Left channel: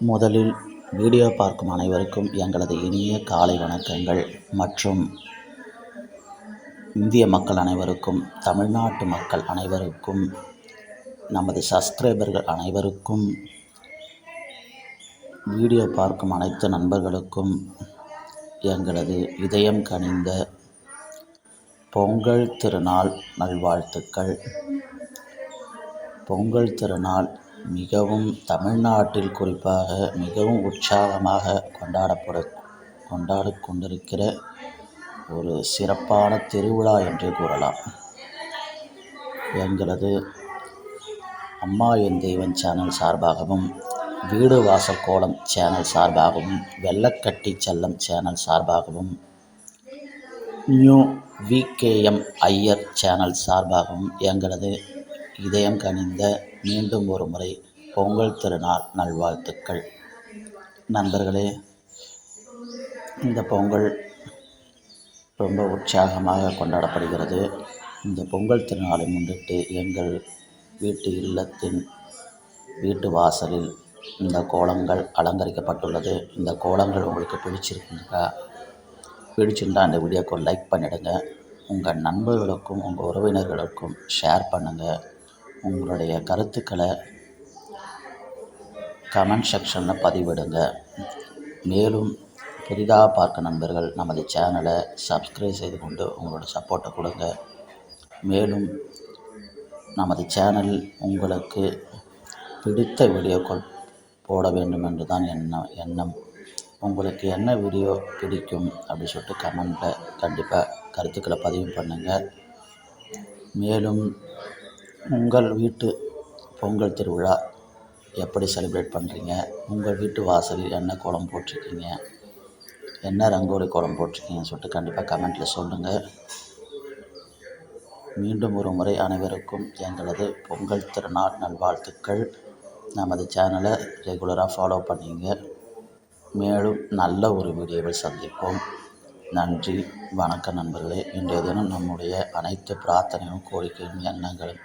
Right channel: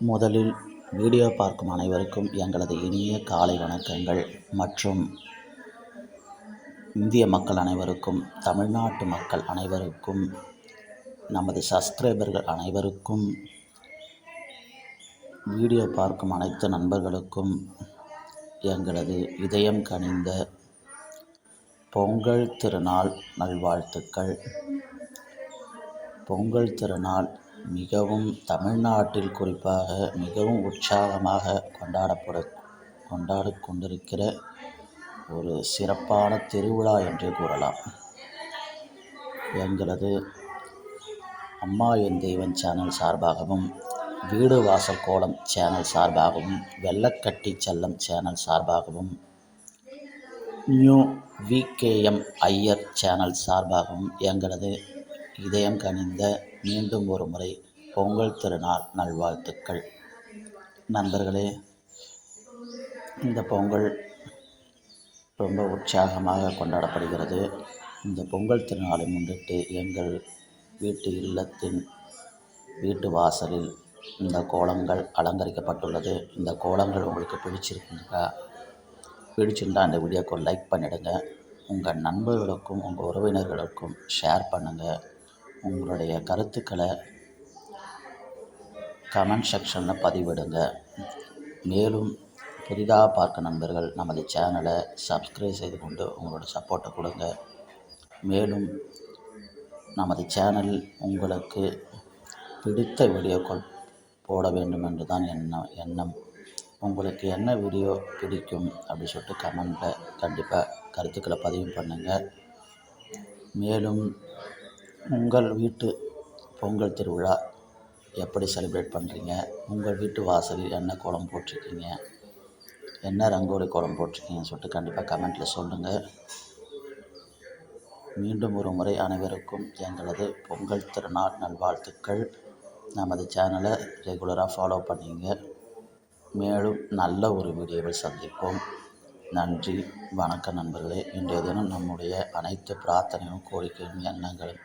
முதலில் வீடியோ பார்க்கும் அனைவருக்கும் எங்களது இனிய காலை வணக்கங்கள் மற்றும் இந்திய மக்கள் அனைவருக்கும் தமிழ்நாட்டு மக்கள் அனைவருக்கும் நமது சப்ஸ்கிரைபர்கள் அனைவருக்கும் வீடியோ பார்க்கும் அனைத்து நண்பர்களுக்கும் எங்களது இதயம் கனிந்த பொங்கல் திருநாள் நல்வாழ்த்துக்கள். பொங்கல் திருநாள் மிகவும் தமிழ்நாட்டில் குறிப்பாக மிகவும் உற்சாகமாக கொண்டாடப்பட கொண்டாடிக் கொண்டிருக்கிற ஒரு சிறப்பான திருவிழா என்றே கூறலாம். எங்களது அம்மா என் தெய்வம் சேனல் சார்பாகவும் வீடு வாசல் கோலம் சேனல் சார்பாகவும் வெள்ளக்கட்டி செல்லம் சேனல் சார்பாகவும் நியூ விகேஎம் ஐயர் சேனல் சார்பாகவும் எங்களது இதயம் கனிந்த மீண்டும் ஒரு முறை பொங்கல் திருநாள் நல்வாழ்த்துக்கள். நண்பர்களே இந்த பொங்கல் ரொம்ப உற்சாகமாக கொண்டாடப்படுகிறது. இந்த பொங்கல் திருநாளை முன்னிட்டு எங்கள் வீட்டு இல்லத்தின் வீட்டு வாசலில் இந்த கோலங்கள் அலங்கரிக்கப்பட்டுள்ளது. இந்த கோலங்கள் உங்களுக்கு பிடிச்சிருக்குங்களா பிடிச்சிருந்தால் அந்த வீடியோக்கு லைக் பண்ணிவிடுங்க உங்கள் நண்பர்களுக்கும் உங்கள் உறவினர்களுக்கும் ஷேர் பண்ணுங்கள் உங்களுடைய கருத்துக்களை கமெண்ட் செக்ஷனில் பதிவிடுங்க. மேலும் புதிதாக பார்க்க நண்பர்கள் நமது சேனலை சப்ஸ்கிரைப் செய்து கொண்டு உங்களோட சப்போர்ட்டை கொடுங்க. மேலும் நமது சேனல் உங்களுக்கு பிடித்த வீடியோக்கள் போட வேண்டும் என்று தான் எண்ணம். எண்ணம் உங்களுக்கு என்ன வீடியோ பிடிக்கும் அப்படி சொல்லிட்டு கமெண்ட்டில் கண்டிப்பாக கருத்துக்களை பதிவு பண்ணுங்கள் மேலும் உங்கள் வீட்டு பொங்கல் திருவிழா எப்படி செலிப்ரேட் பண்ணுறீங்க உங்கள் வீட்டு வாசலில் என்ன கோலம் போட்டிருக்கீங்க? என்ன ரங்கோலி கோலம் போட்டிருக்கீங்கன்னு சொல்லிட்டு கண்டிப்பாக கமெண்ட்டில் சொல்லுங்கள் மீண்டும் ஒரு முறை அனைவருக்கும் எங்களது பொங்கல் திருநாள் நல்வாழ்த்துக்கள். நமது சேனலை ரெகுலராக ஃபாலோ பண்ணிங்க. மேலும் நல்ல ஒரு வீடியோவில் சந்திப்போம். நன்றி வணக்கம் நண்பர்களே. இன்றைய தினம் நம்முடைய அனைத்து பிரார்த்தனையும் கோரிக்கையும் எண்ணங்களும்